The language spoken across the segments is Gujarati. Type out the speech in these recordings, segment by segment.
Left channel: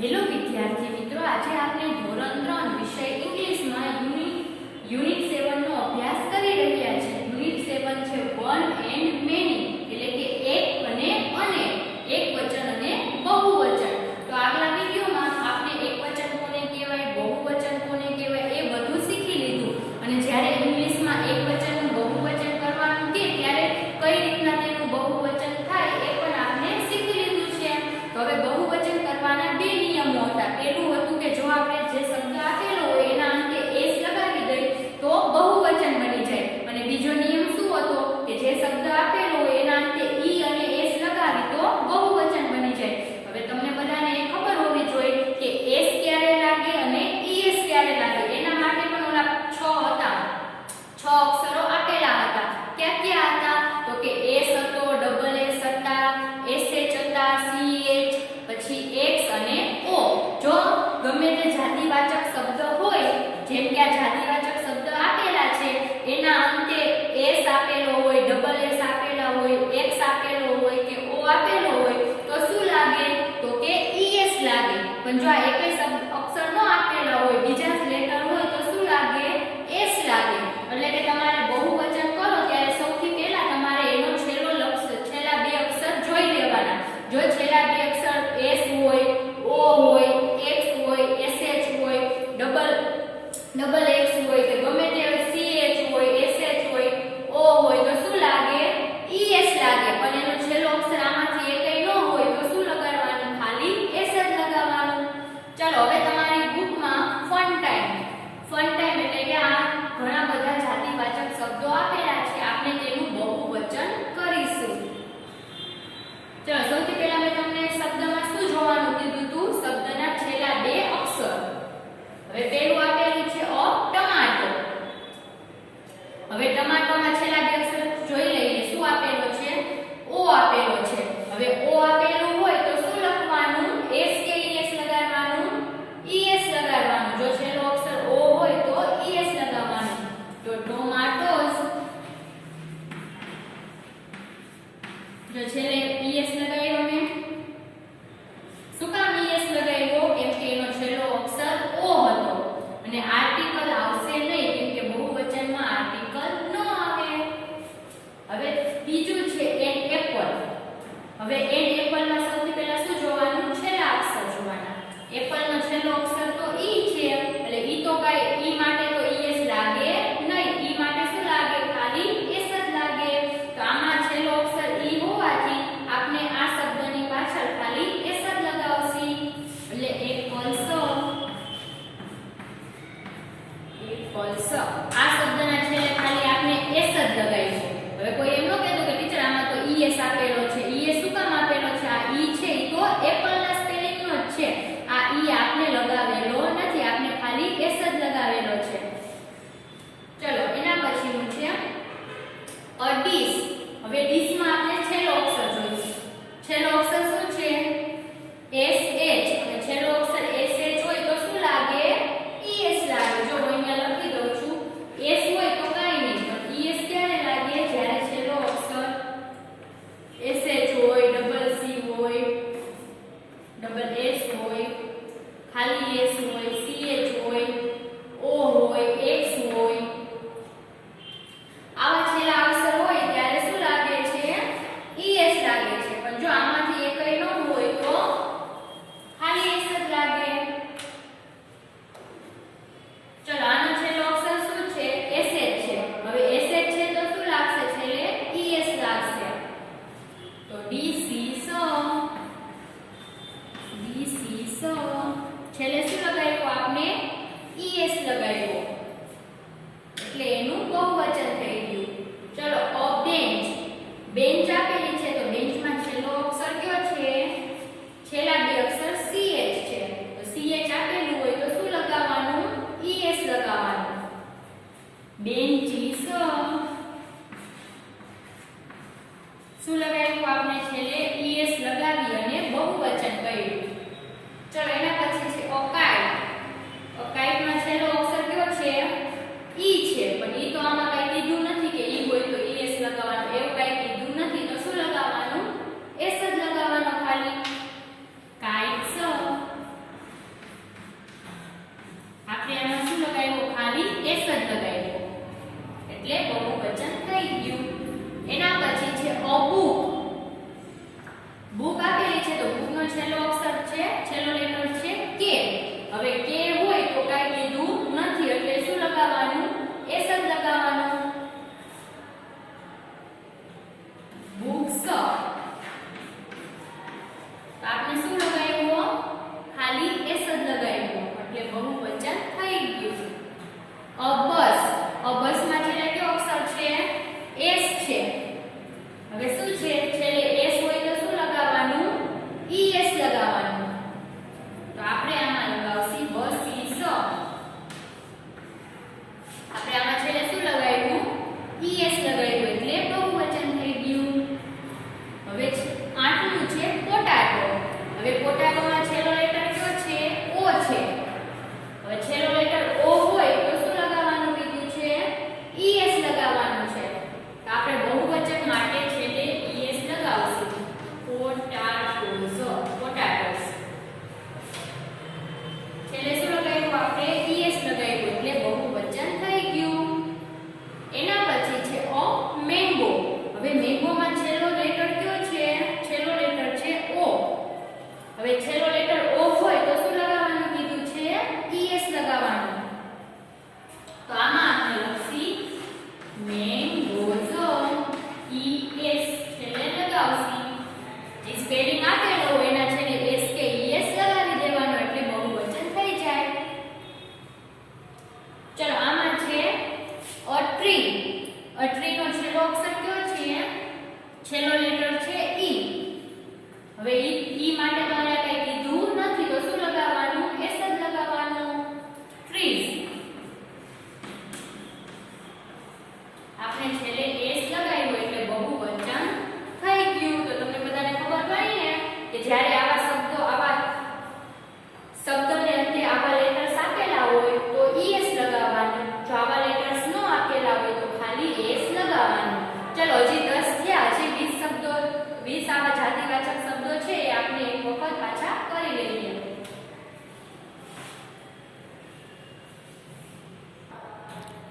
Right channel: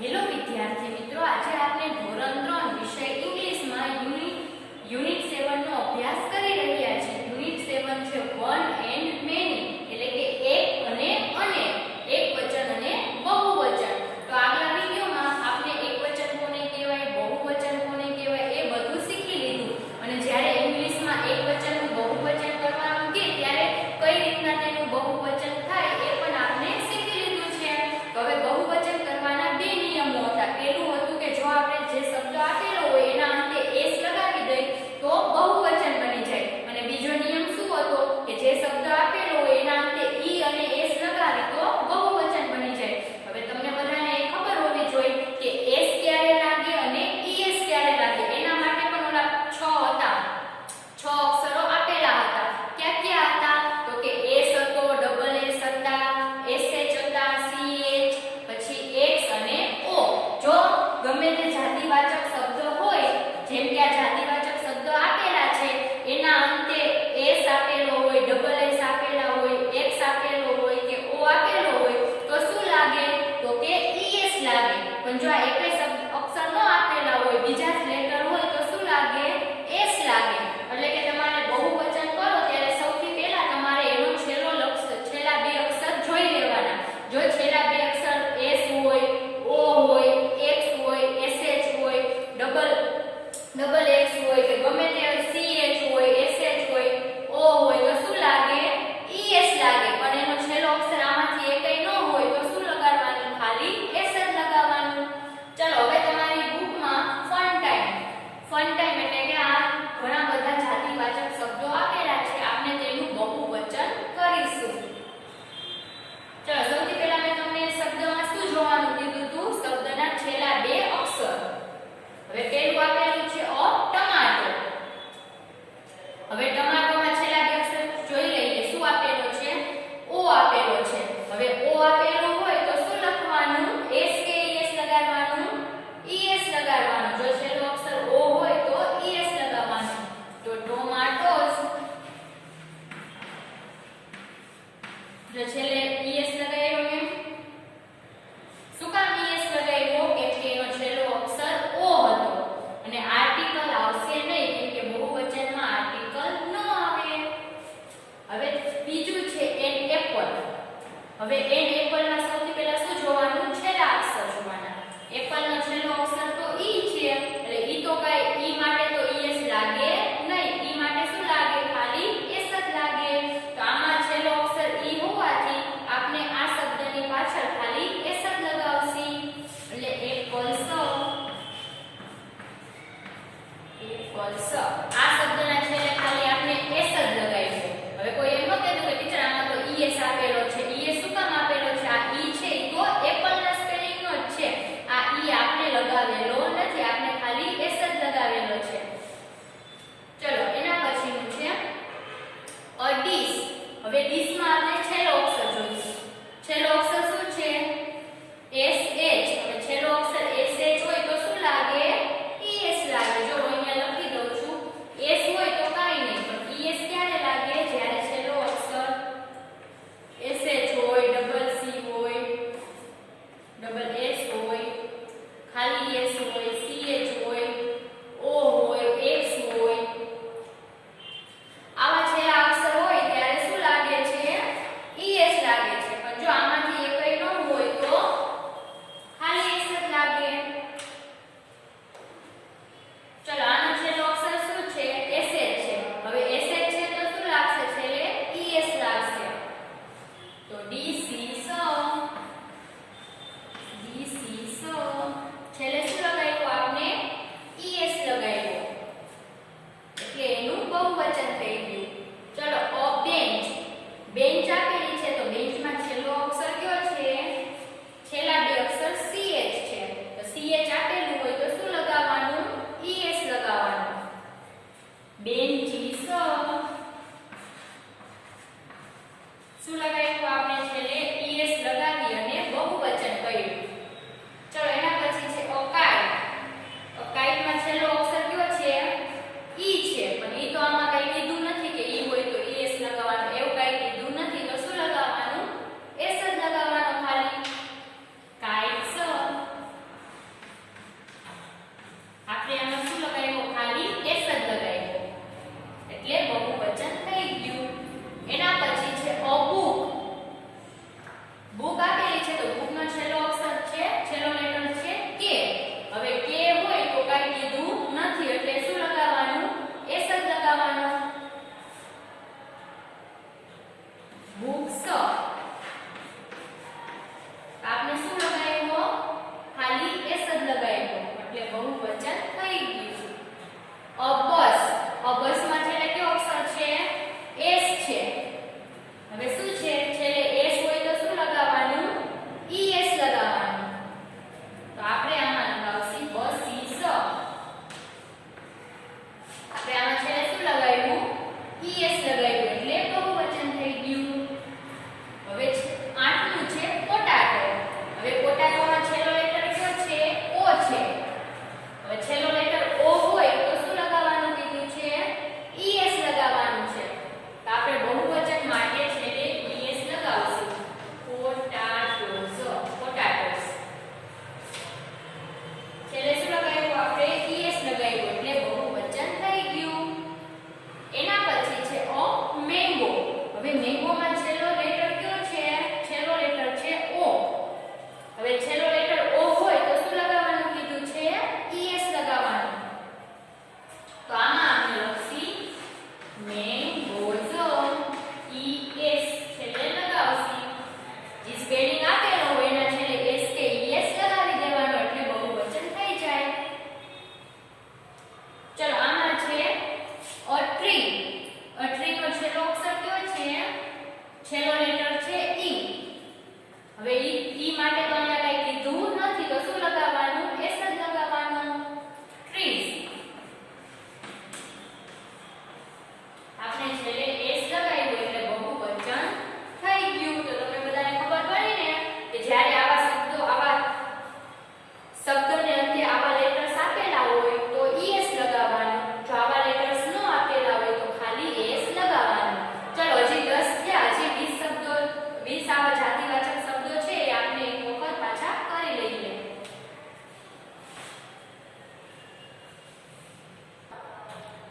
હેલો વિદ્યાર્થી મિત્રો, આજે આપણે ધોરણ 3 વિષય ઇંગ્લિશમાં યુનિટ 7 નો અભ્યાસ કરી રહ્યા છીએ. યુનિટ 7 છે વન એન્ડ મેની, એટલે કે એક અને અનેક, એકવચન અને બહુવચન. તો આગલા વિડિયોમાં આપણે એકવચન કોને કહેવાય, બહુવચન કોને કહેવાય એ બધું શીખી લીધું. અને જ્યારે ઇંગ્લિશમાં એકવચનનું બહુવચન કરવાનું કે ત્યારે કઈ રીતના તેનું બહુવચન થાય એ પણ આપણે શીખી લીધું છે. તો હવે બહુવચન કરવાના બે નિયમો હતા. પહેલું હતું કે જો આપણે જે શબ્દ આપેલો હોય એના અંતે એસ લગાવી દઈએ તો બહુવચન બની જાય. અને બીજો નિયમ શું હતો કે જે શબ્દ આપેલો હોય એના અંતે ઈ અને એસ લગાવી તો બહુવચન બની જાય. હવે તમને બધાને એ ખબર હોવી જોઈએ કે એસ ક્યારે લાગે અને ઈએસ ક્યારે લાગે. એના માટે પણ ઓલા 6 હતા, 6 અક્ષરો આપેલા હતા. ક્યાં ક્યાં હતા તો કે એસ હતો, ડબલ એસ હતા, એસએચ હતા, સીએચ, પછી એક્સ અને ઓ. જો ગમે તે જાતિવાચક શબ્દ હોય, જેમ કે આ જાતિવાચક શબ્દ આપેલા છે એના અંતે એસ આપેલો હોય, ડબલ એસ આપેલા હોય, એક્સ આપેલો હોય કે ઓ આપેલો હોય તો શું લાગે તો કે ઈએસ લાગે. પણ જો આ એકય શબ્દ અક્ષર ન આપેલા હોય, બીજા જ લેટર હોય તો શું લાગે, એસ લાગે. એટલે કે તમારે બહુવચન કરો ત્યારે સૌથી પહેલા તમારે એનો છેલ્લા બે અક્ષર જોઈ લેવાના. જો છેલ્લા બે અક્ષર એસ હોય, ઓ હોય, એક્સ હોય, એસએચ હોય, ડબલ એક્સ હોય કે ગમે તે સીએચ હોય, એસએચ હોય, ઓ હોય તો શું લાગે, ઈએસ લાગે. પણ એનો છેલ્લો અક્ષર આમાંથી એકય ન હોય તો શું લગાડવાનું, ખાલી એસ જ લગાવવાનું. ચાલો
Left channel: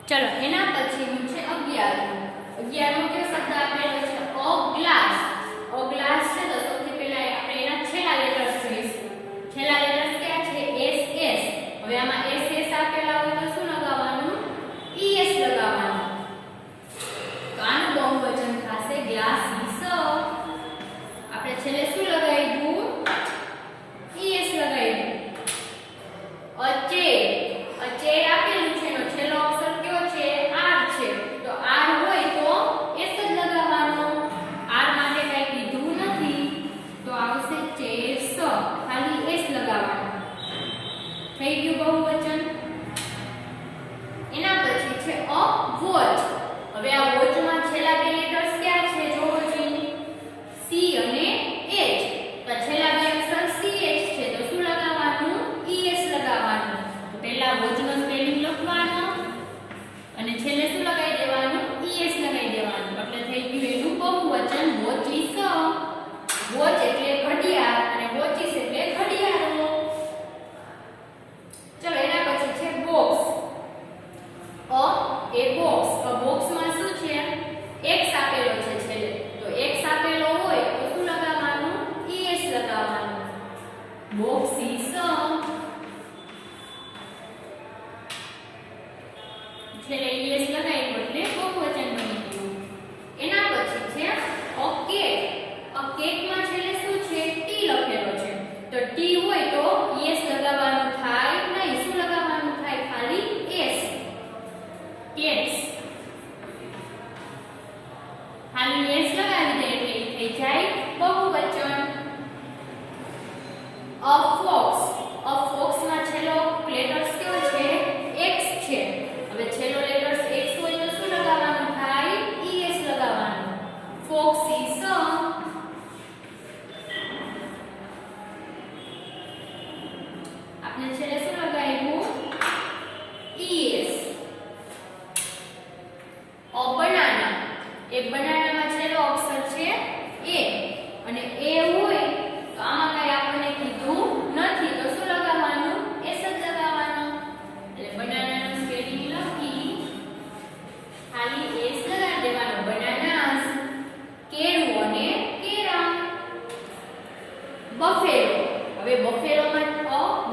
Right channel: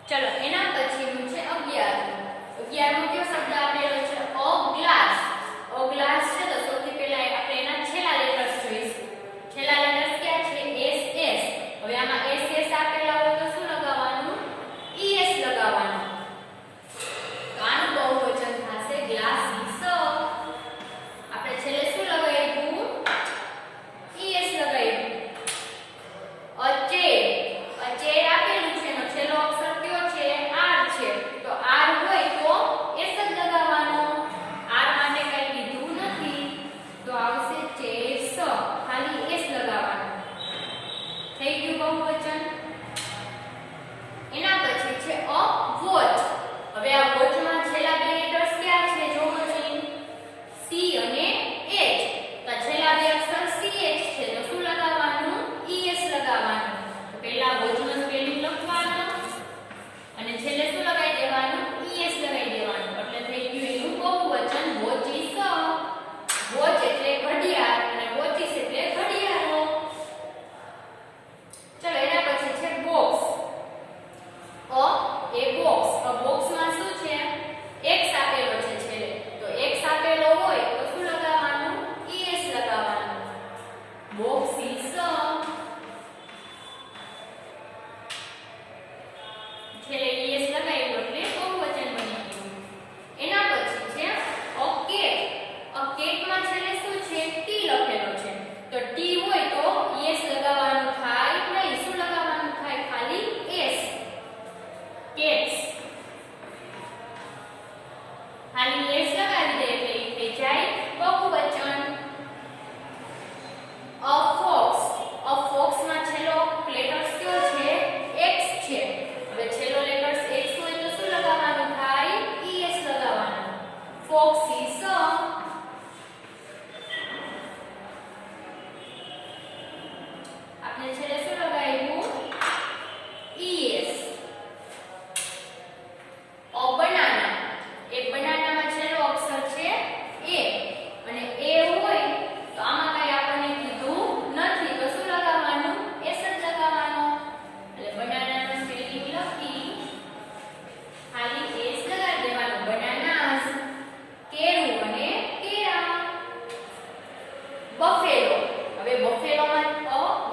ચલો એના પછીનું છે 11. 11નો કયો શબ્દ આપેલો છે? A glass. અ ગ્લાસ છે તો સૌથી પહેલા આપણે એના છેલ્લા લેટર્સ જોઈશું. છેલ્લા લેટર્સ ક્યાં છે? S S. હવે આમાં એસ એસ આપેલા હોય તો શું લગાવવાનું? ઈએસ લગાવવાનું. તો આનું બહુવચન થશે ગ્લાસીસ. આપણે છેલ્લે શું લગાવ્યું? ઈએસ લગાવ્યું. અચેર. અચેર આપેલું છે એનો છેલ્લો અક્ષર કયો છે? આર છે. તો આર હોય તો એસ જ લગાવવાનો. આર માટે કઈ કીધું નથી તો આવશે ચેસ. ખાલી એસ લગાવવાનો. થઈ ગયું બહુવચન. એના પછી છે અ વોચ. હવે આ વોચમાં છેલ્લા બે લેટર્સ ક્યાં છે? જોવો જોઈએ. સી અને એચ. તો છેલ્લા બે અક્ષર સી એચ છે તો શું લગાવવાનું? ઈએસ લગાવવાનું. તો પહેલા વોચનો સ્પેલિંગ લખવાનો અને છેલ્લે શું લગાવી દેવાનું? ઈએસ લગાવી દેવાનું. એટલે થઈ ગયું એનું બહુવચન વોચિસ. વોચ એટલે ઘડિયાળ અને વોચિસ એટલે ઘડિયાળો. ચલો એના પછી છે બોક્સ. એ બોક્સ. તો બોક્સમાં શું છે? એક્સ આપેલો છે છેલ્લે. તો એક્સ આપેલો હોય તો શું લગાવવાનું? ઈએસ લગાવવાનું. બોક્સિસ. છેલ્લે ઈએસ લગાવ્યું એટલે બહુવચન બની ગયું. એના પછી છે અ કેટ. અ કેટમાં છેલ્લે શું છે? ટી લખેલો છે. તો ટી હોય તો ઈએસ લગાવવાનું થાય નહીં. શું લગાવવાનું થાય? ખાલી એસ. કેટ્સ. ખાલી એસ લગાવી દે એટલે થઈ જાય બહુવચન. A fox. અ ફોક્સમાં છેલ્લો લેટર્સ કયો છે? એક્સ છે. હવે છેલ્લો લેટર્સ એક્સ હોય તો શું લગાવવાનું થાય? ઈએસ લગાવવાનું. ફોક્સિસ. આપણે છેલ્લે શું લગાવ્યું? ઈએસ. A banana. એ બનાનામાં છેલ્લો અક્ષર છે એ અને એ હોય તો આમાં કઈ આપણને કીધું નથી તો શું લગાવવાનું? એસ જ લગાવવાનું. એટલે બનાનાનો સ્પેલિંગ લખી ખાલી એસ લગાવી દેવાનો. બનાનાસ. કેળું અને કેળા. બફેલો. હવે બફેલોમાં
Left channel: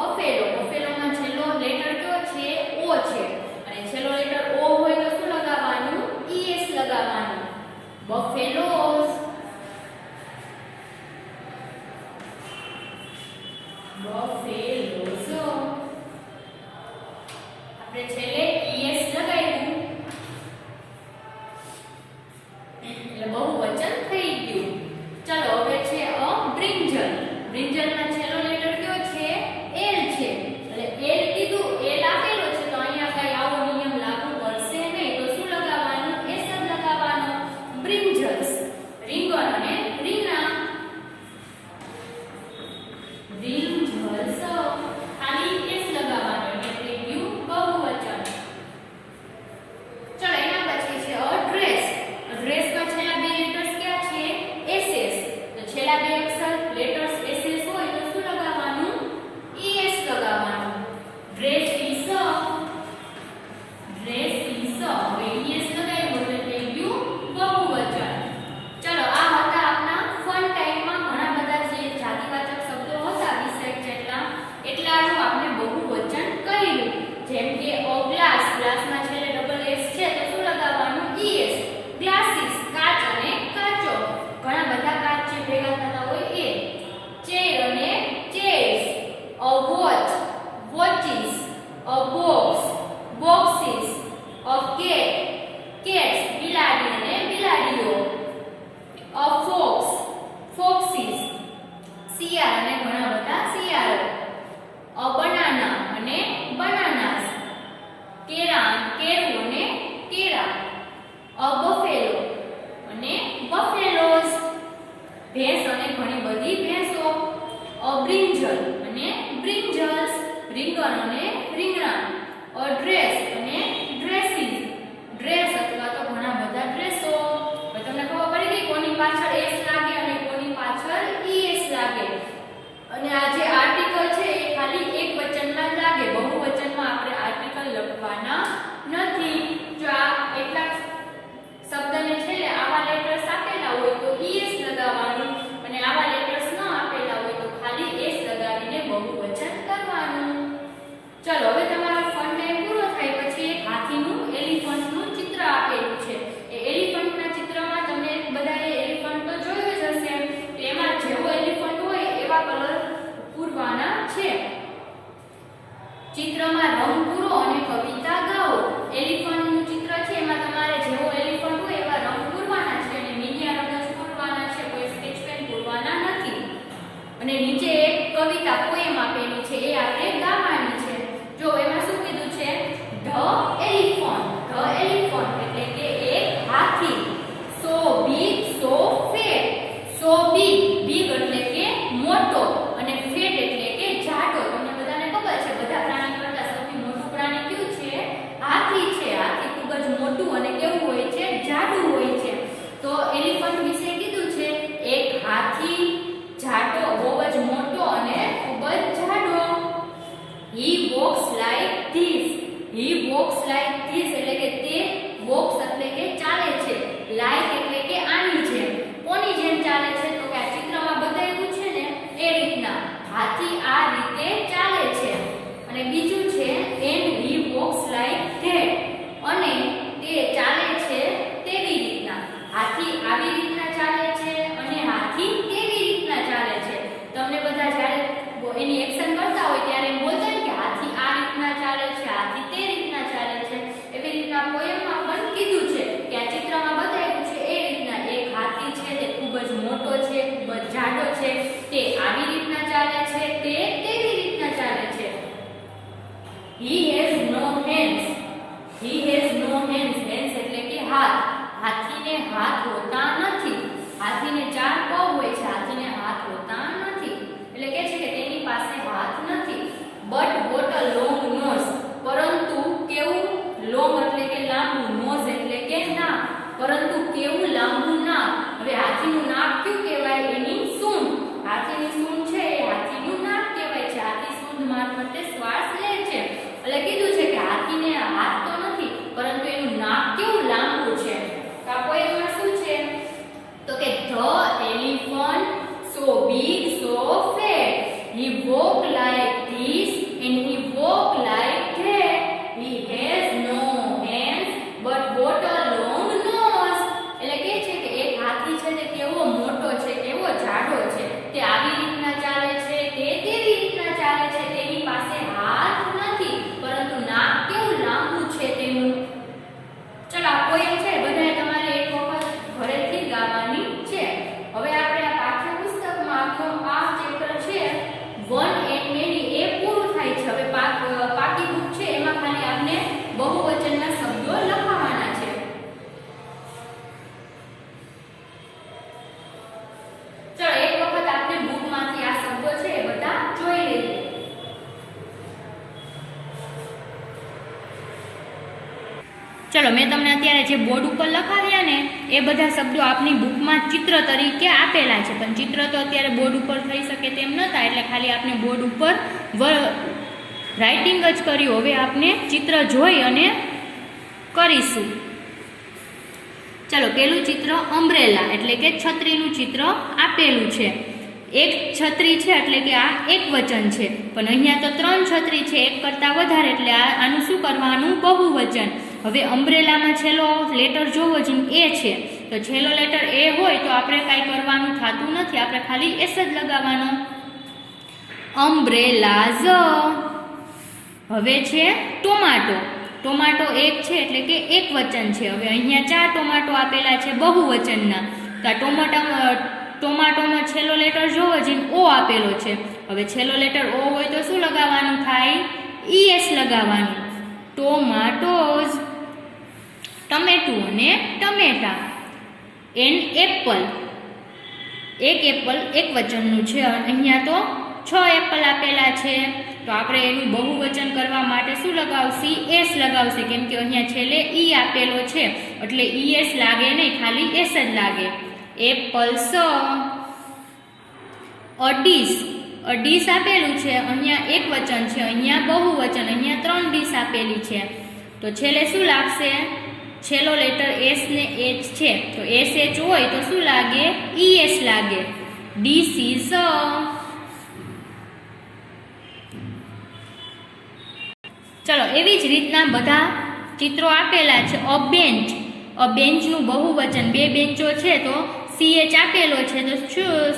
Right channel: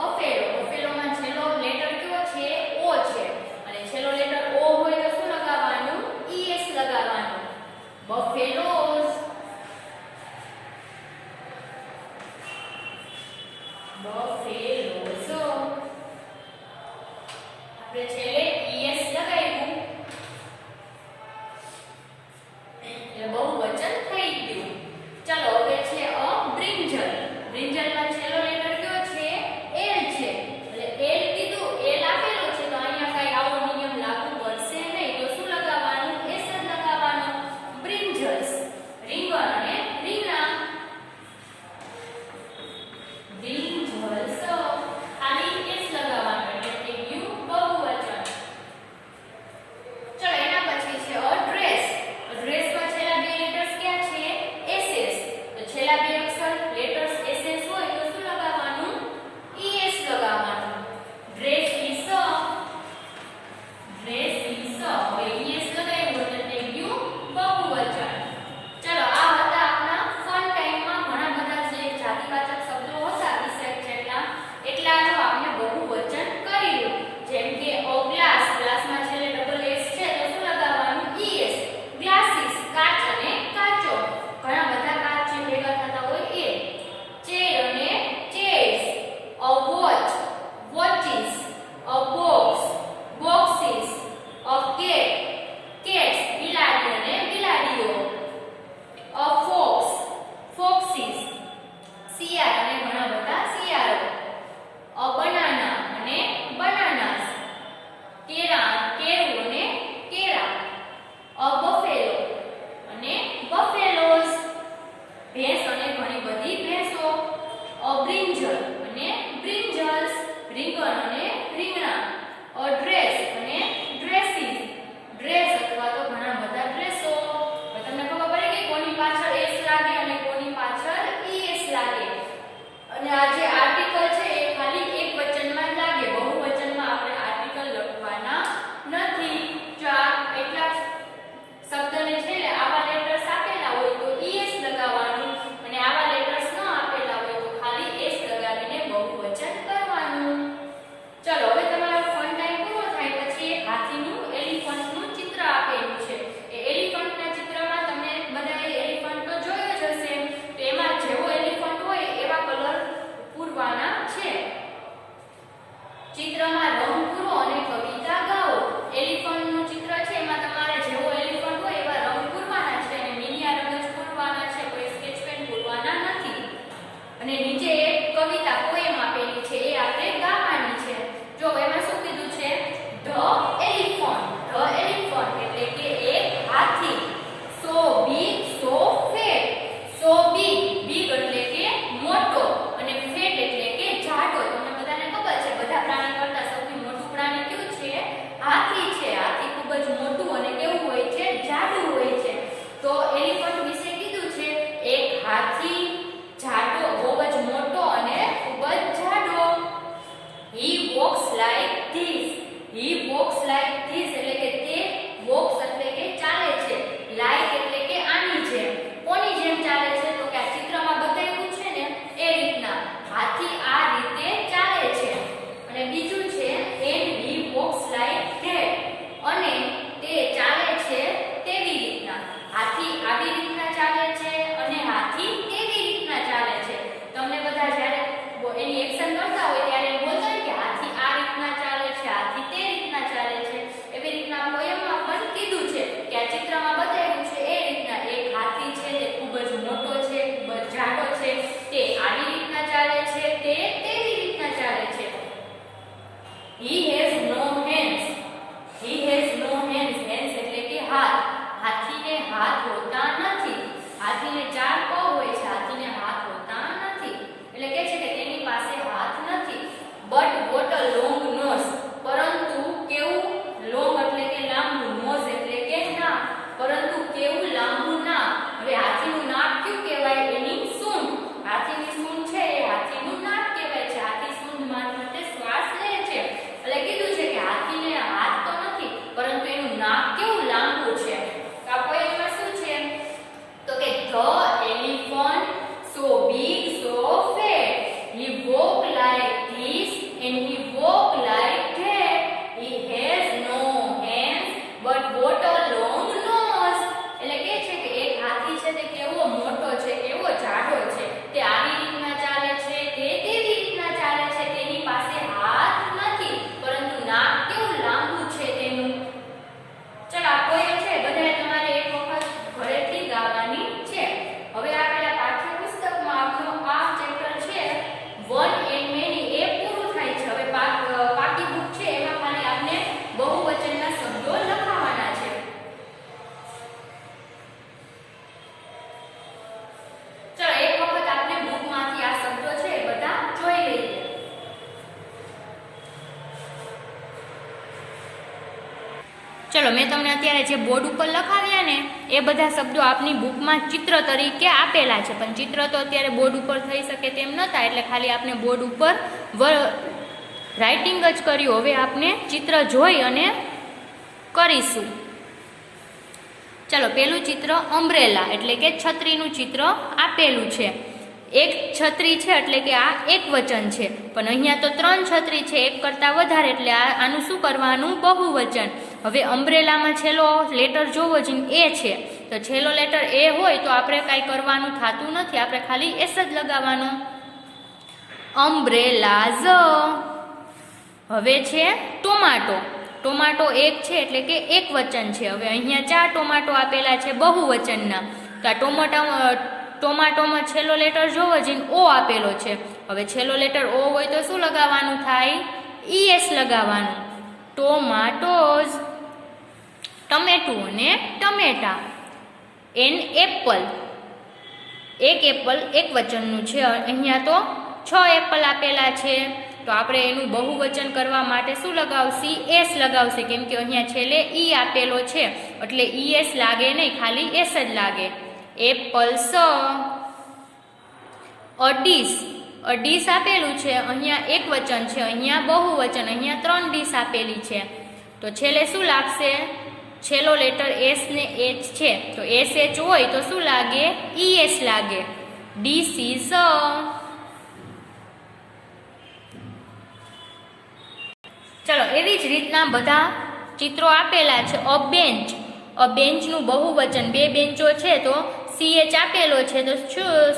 બફેલો. બફેલોમાં છેલ્લો લેટર કયો છે? ઓ છે અને છેલ્લો લેટર ઓ હોય તો શું લગાવવાનું? ઈએસ લગાવવાનું. બફેલોસ. બફેલોસ. આપણે છેલ્લે ઈએસ લગાવ્યું એટલે બહુવચન થઈ ગયું. ચલો હવે છે અ બ્રિંજલ. બ્રિંજલમાં છેલ્લો લેટર કયો છે? એલ છે. એટલે એલ કીધું, એલ આપેલો છે તો અહીંયા કઈ આવો નિયમ લાગુ પડશે નહીં. તો શું લગાવવાનું? એસ જ લગાવવાનું. બ્રિંજલ્સ. રીંગણ અને રીંગણા. બ્રિંજલ્સ. ખાલી એસ લગાવવાનું એટલે થઈ ગયું બહુવચન. ચલો એના પછી છે અ ડ્રેસ. ડ્રેસમાં છેલ્લા બે લેટર્સ ક્યાં છે? S S. તો છેલ્લા બે અક્ષર લેટર્સ એસ એસ હોય તો શું લગાવવાનું? ઈએસ લગાવવાનું. Dress is. Dress is. હવે ઈએસ લગાવ્યું એટલે થઈ ગયું બહુવચન. ચલો આ હતા આપના ફન ટાઈમમાં ઘણા બધા જે જાતિવાચક શબ્દો હતા 20 જેટલા એટલાનું આપણે બહુવચન કર્યું. જેમ કે ઓ ગ્લાસ. ગ્લાસમાં છેલ્લે ડબલ એસ છે તો શું લગાવવાનું? ઈએસ. ગ્લાસીસ. કાચ અને કાચો. ઘણા બધા કાચ જે ભેગા થતા હોય એ. ચેર અને chairs. A watch. Watches. A box. Boxes. A cat. Cats. બિલાડી અને બિલાડીઓ. A fox. ફોક્સિસ. શિયાળ અને ઘણા બધા શિયાળો. અ બનાના અને બનાનાસ. કેળા. કેળું અને કેળા. અ બફેલો અને બફેલોસ. ભેંસ અને ઘણી બધી ભેંસો. અ બ્રિંજલ અને બ્રિંજલ્સ. રીંગણ અને રીંગણા. અ ડ્રેસ અને ડ્રેસીસ. ડ્રેસ અથવા તો ઘણા બધા ડ્રેસો. હવે તમને ખબર પડી ગઈ કોની પાછળ એસ લાગે અને કોની પાછળ ઈએસ લાગે. અને આ જે આર્ટિકલ છે એ ખાલી એક વચનમાં જ લાગે. બહુવચનમાં આપણે આર્ટિકલ લખવાના નથી. ચિત્રમાં રંગ પૂરો અને કવિતા ગાઓ. એલિફન્ટનું ચિત્ર છે, એમાં તમારે જેવો એલિફન્ટ હોય એવા રંગ પૂરવાના છે અને નીલિયા રંગ પૂરવાના છે, કોઈ સ્કેચ પેન પૂરવાના નથી. અને નીચે એક કવિતા પોએમ આપેલી છે, એ આપણે ગાવાની છે. જો એમાં શું કીધું છે? The elephant. ધ એલિફન્ટ એટલે કે એક હાથી. સો બિગ સો ફેટ. સો બિગ, બિગ એટલે કે મોટો અને ફેટ એટલે કે જાડો. તમને બધાને ખબર છે બધા પ્રાણી કરતા સૌથી મોટું પ્રાણી કયું છે? હાથી છે. હાથી ખૂબ જ મોટું અને કેવું હોય છે? જાડું હોય છે. તો એલિફન્ટ વિશે કીધું છે એક હાથી, જાડો, બહુ જ મોટો અને ખૂબ જ જાડો. He walks like this. He walks like this એટલે કે તે walks એટલે કે ચાલે છે. Like એટલે કે આની જેમ. કોની જેમ ચાલે છે? તો કે આ ચિત્રમાં બતાવ્યું છે ને એ રીતના હાથી આ રીતે ચાલે છે. અને બીજું છે and he walks like that. અને તે ચાલે છે તેવી રીતના. હાથી આવી રીતના ચાલે છે અને હાથી તેવી રીતના ચાલે છે. તમને બધા જ્યારે એની એક્શન કરતા હોય ત્યારે એમ બોલતા હોય કે હાથી આ રીતના ચાલે છે, હાથી તે રીતના ચાલે છે. એવી રીતના પોએમમાં પણ કીધું છે કે આ ચિત્રમાં બતાવ્યું છે એ રીતના એક હાથી છે તે ખૂબ જ મોટો છે, ખૂબ જ જાડો છે, તે આવી રીતના ચાલે છે, તે તેવી રીતના ચાલે છે. He has no hands. He has no hands. Hands એટલે કે હાથ. હાથીને હાથ હોતા નથી. હાથીને ચાર પગ હોય છે, હાથીને હાથ હોતા નથી. એટલે કે છે કે તેની પાસે હાથ નથી. But what a long nose. પરંતુ કેવું? લોંગ એટલે કે લાંબુ, નોઝ એટલે કે નાક. પરંતુ કેવું લાંબુ નાક. હવે હાથીનું નાક કયું કહેવાય? એની સૂંઢ. હાથીની સૂંઢ છે એ હાથીનું નાક કહેવાય છે. હાથી સૂંઢ મારફતે શ્વાસ લે છે. એટલે કીધું છે કે હાથીને હાથ તો નથી પરંતુ એનું નાક કેવું લાંબુ છે. તો આ પોએમમાં શું છે? તો કે the elephant so big so fat. He walk like this and he walk like that. He has no hands but what a long nose. એટલે કે છે કે એક હાથી છે તે કેવો મોટો છે, કેવો જાડો છે, તે આવી રીતના ચાલે છે, તે તેવી રીતના ચાલે છે, તેની પાસે હાથ નથી પરંતુ નાક કેવું લાંબુ છે તેનું. ચલો આ પોએમ છે બધાએ તમારે એક વખત ઘરેથી ગાવાની છે. હવે આપણે આ પાઠ્યપુસ્તકમાં આપણો આ ચેપ્ટર છે વન એન્ડ મેની એ પૂરું થાય છે. હવે પાકી બુક છે એમાં ખાલી આપણે બહુવચનના શબ્દો લખાવવાના છે. ચલો એક વખત આપણે બુકમાંથી આ શબ્દો છે એ બધા જોઈ લઈએ. ચલો મેં તમને અત્યારે જે બોર્ડ ઉપર લખાવ્યા ને એ બધા શબ્દો આપની બુકમાં ચિત્ર તરીકે આપેલા છે, પણ ચિત્ર તો અત્યારે બોર્ડ ઉપર થઈ શકે તેમ નહોતા એટલે ખાલી આપણે બોર્ડ ઉપર રાઇટિંગ જ કર્યું. હવે આપણે ચિત્ર જોઈ અને કરીશું. ચલો પેલું ચિત્ર અમ્બ્રેલા એટલે કે છત્રીનું ચિત્ર આપેલું છે. એક છત્રી છે એટલે કે આ એક વચન છે, પણ અહીંયા તો 3 છત્રી છે, એક કરતા વધારે એટલે આનું શું કરવાનું? બહુવચન. હવે અમ્બ્રેલામાં છેલ્લો લેટર જોવો જ એ છે, તો છેલ્લો લેટર એ હોય તો આપણે કાંઈ કરવાનું થતું નથી, આપણે ખાલી એસ જ લગાવવાનો. અમ્બ્રેલાઝ. હવે છે ટોમાટો. ટોમાટો એક છે એટલે કે એક વચન છે. હવે અહીંયા 4 ટોમાટો આપેલા છે બહુવચનના, તો આ ટોમાટોમાં છેલ્લો લેટર જોવો જ ઓ આપેલો છે. હવે છેલ્લો લેટર ઓ હોય તો શું લગાવવાનું થાય? ઈએસ લગાવવાનું. ટોમાટોઝ. ટમેટું અને ટમેટા. An apple. એક એપલ એક વચનનું છે, અહીંયા તો 6 એપલ આપેલા છે, તો આપણે એનું બહુવચન કરવા માટે શું લગાવશી? એસ લગાવશે, કેમ કે અહીંયા છેલ્લે ઈ આપેલો છે એટલે ઈએસ લાગે નહીં, ખાલી એસ જ લાગે. એપલ્સ. અડીસ. ડીશ આપેલું છે, અહીંયા એક વચન છે, અહીંયા બહુવચન, અહીંયા 3 ડીશ આપેલી છે, તો છેલ્લે શું લાગશે? છેલ્લો લેટર એસ ને એચ છે, તો એસ એચ હોય તો શું લાગે? ઈએસ લાગે. ડીસીઝ. ચલો એવી જ રીતના બધા ચિત્રો આપેલા છે. અ બેન્ચ. અ બેન્ચનું બહુવચન, 2 બેન્ચો છે તો સીએચ આપેલો છે તો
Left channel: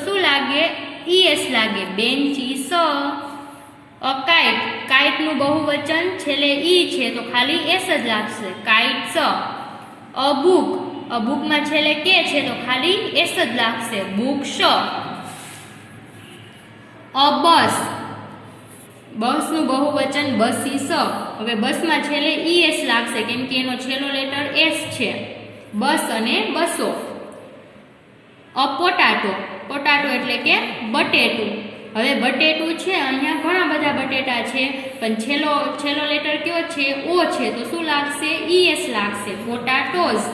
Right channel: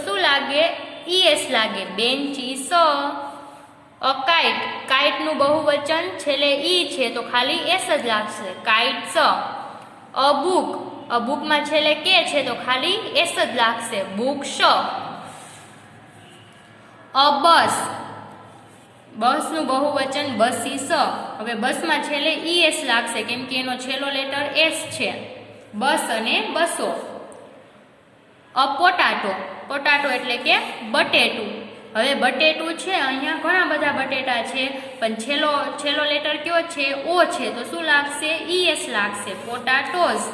શું લાગે? ઈએસ લાગે. બેન્ચીસ. અ કાઇટ, કાઇટનું બહુવચન છેલ્લે ઈ છે તો ખાલી એસ જ લાગશે, કાઇટ્સ. અ બુક, અ બુકમાં છેલ્લે કે છે તો ખાલી એસ જ લાગશે, બુક્સ. અ બસ, બસનું બહુવચન બસીસ. હવે બસમાં છેલ્લે ઈએસ લાગશે કેમ કે એનો છેલ્લો લેટર એસ છે, બસ અને બસો. અ પોટાટો, પોટાટો એટલે કે બટેટું. હવે બટેટું છે, અહીંયા ઘણા બધા બટેટા છે પણ છેલ્લો લેટર કયો છે? ઓ છે, તો શું લાગશે? ઈએસ લાગશે, પોટાટોઝ.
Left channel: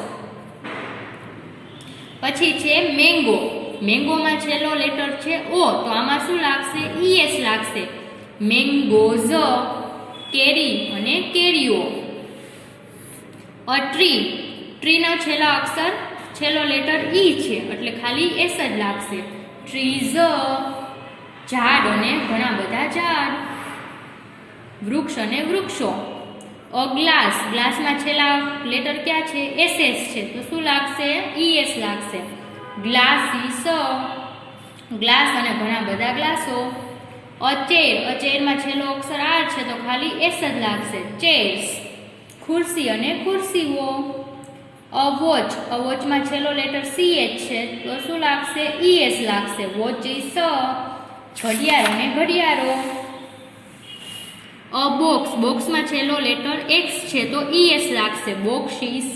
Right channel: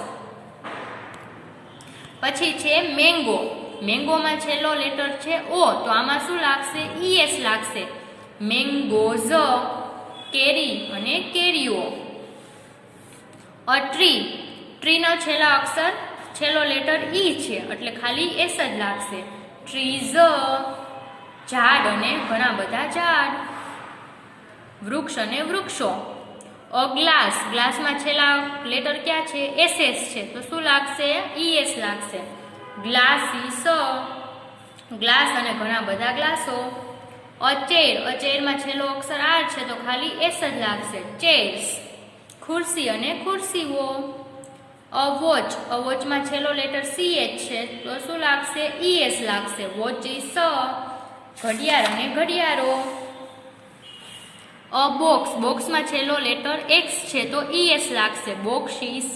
પછી છે મેંગો, મેંગોમાં છેલ્લો લેટર છે ઓ, તો આમાં શું લાગશે? ઈએસ લાગશે, મેંગોઝ. કેરી અને કેરીઓ. અ ટ્રી, ટ્રીનો છેલ્લો લેટર ઈ છે એટલે ખાલી એસ જ લાગશે, ટ્રીઝ. ઝાડ અને ઘણા બધા ઝાડ, વૃક્ષ અને વૃક્ષો. અ ગ્લાસ, ગ્લાસમાં છેલ્લા લેટર ક્યાં છે? એસએસ છે, તો શું લાગશે? ઈએસ લાગશે, ગ્લાસીસ. ગ્લાસ અને ઘણા બધા ગ્લાસો. અ ચેર, અ ચેરમાં છેલ્લો અક્ષર આર છે તો ખાલી એસ જ લાગશે, ચેર્સ. ખુરશી અને ખુરશીઓ. અ વોચ, અ વોચમાં છેલ્લો લેટર સીએચ છે તો શું લાગશે? ઈએસ લાગશે, વોચીસ. ઘડિયાળ અને ઘડિયાળો. અ બોક્સ, બોક્સમાં છેલ્લો લેટર એક્સ છે તો ઈએસ લાગશે, બોક્સીસ.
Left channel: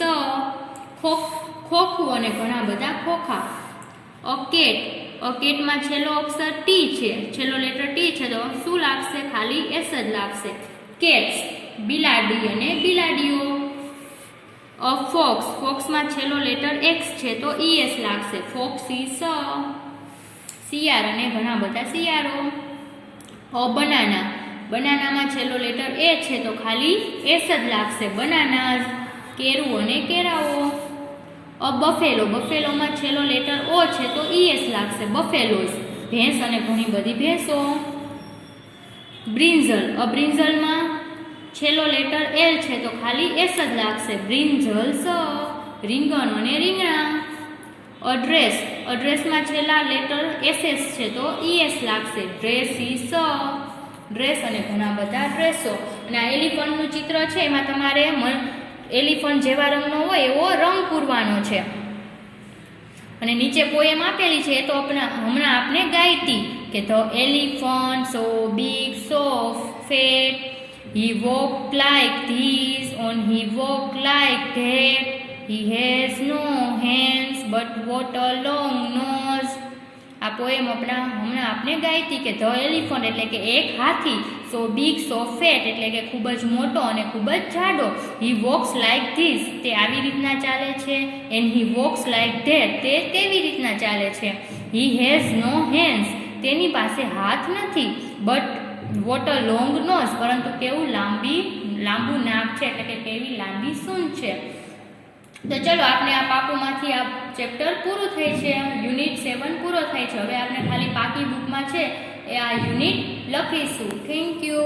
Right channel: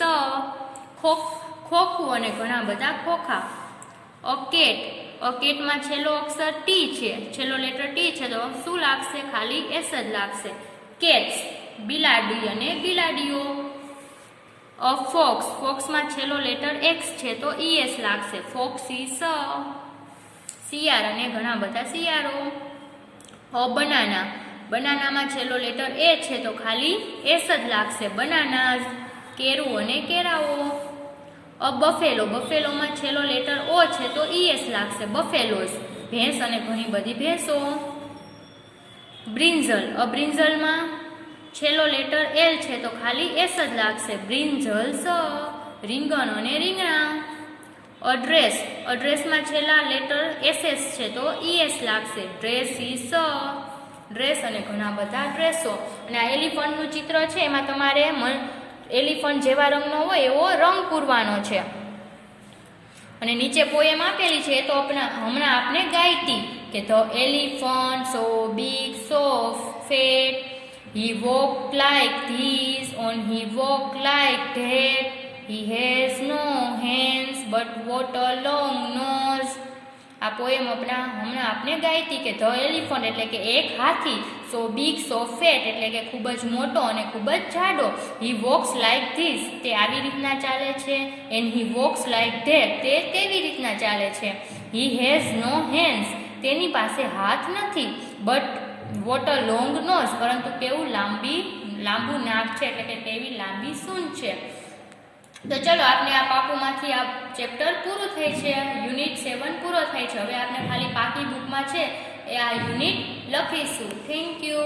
ખોખું અને ઘણા બધા ખોખા. અ કેટ, અ કેટમાં છેલ્લો અક્ષર ટી છે, છેલ્લો લેટર ટી છે તો શું લાગશે? ખાલી એસ જ લાગશે, કેટ્સ. બિલાડી અને બિલાડીઓ. અ ફોક્સ, ફોક્સમાં છેલ્લો લેટર એક્સ છે તો ઈએસ લાગશે, ફોક્સીસ. શિયાળ અને ઘણા બધા શિયાળો. અ બનાના, બનાનામાં છેલ્લો લેટર એ છે તો ખાલી એસ જ લાગશે, બનાનાઝ. કેરું અને કેરાઓ. અ બફેલો, બફેલોમાં છેલ્લો લેટર ઓ છે તો ઈએસ લાગશે, બફેલોઝ. ભેંસ અને ઘણી બધી ભેંસો. બ્રિંજલ, અ બ્રિંજલમાં છેલ્લો લેટર એલ છે તો ખાલી એસ જ લાગશે, બ્રિંજલ્સ. રીંગણ અને રીંગણા. અ ડ્રેસ, અ ડ્રેસમાં છેલ્લા લેટર એસએસ છે તો ઈએસ લાગશે, ડ્રેસીસ. ડ્રેસ અને ઘણા બધા ડ્રેસો. અને આ એલિફન્ટનું ચિત્ર છે એમાં તમારે એલિફન્ટ જેવા રંગનો હોય એવો રંગ પૂરવાનો છે. અને નીચે પોએમ આપેલી છે તો હમણાં આપણે ગાઈતી કે the elephant so big so fat, he walked like this and he walked like that, he has no hands but what a long nose. આ પોએમ હમણાં આપણે ગાઈતી કે ધ એલિફન્ટ એટલે કે એક હાથી, સો બિગ સો ફેટ એટલે કે ખૂબ જ મોટો અને ખૂબ જ જાડો, હી વોક્સ લાઈક ધીસ તે આવી રીતના ચાલે છે, and he walks like that તે તેવી રીતના ચાલે છે, હી હેઝ નો હેન્ડ્સ તેની પાસે હાથ નથી, but what a long nose પરંતુ કેવું લાંબુ નાક છે એટલે કે કેવી લાંબી સૂંઢ છે. તો ચલો આપણે આ પાપુમાંથી આ ચેપ્ટર પૂરું થાય છે, યુનિટ 7 પૂરો થાય છે. હવે આપણે ખાલી પાકી બુકમાં છે એ આ યુનિટ લખીશું. Thank you.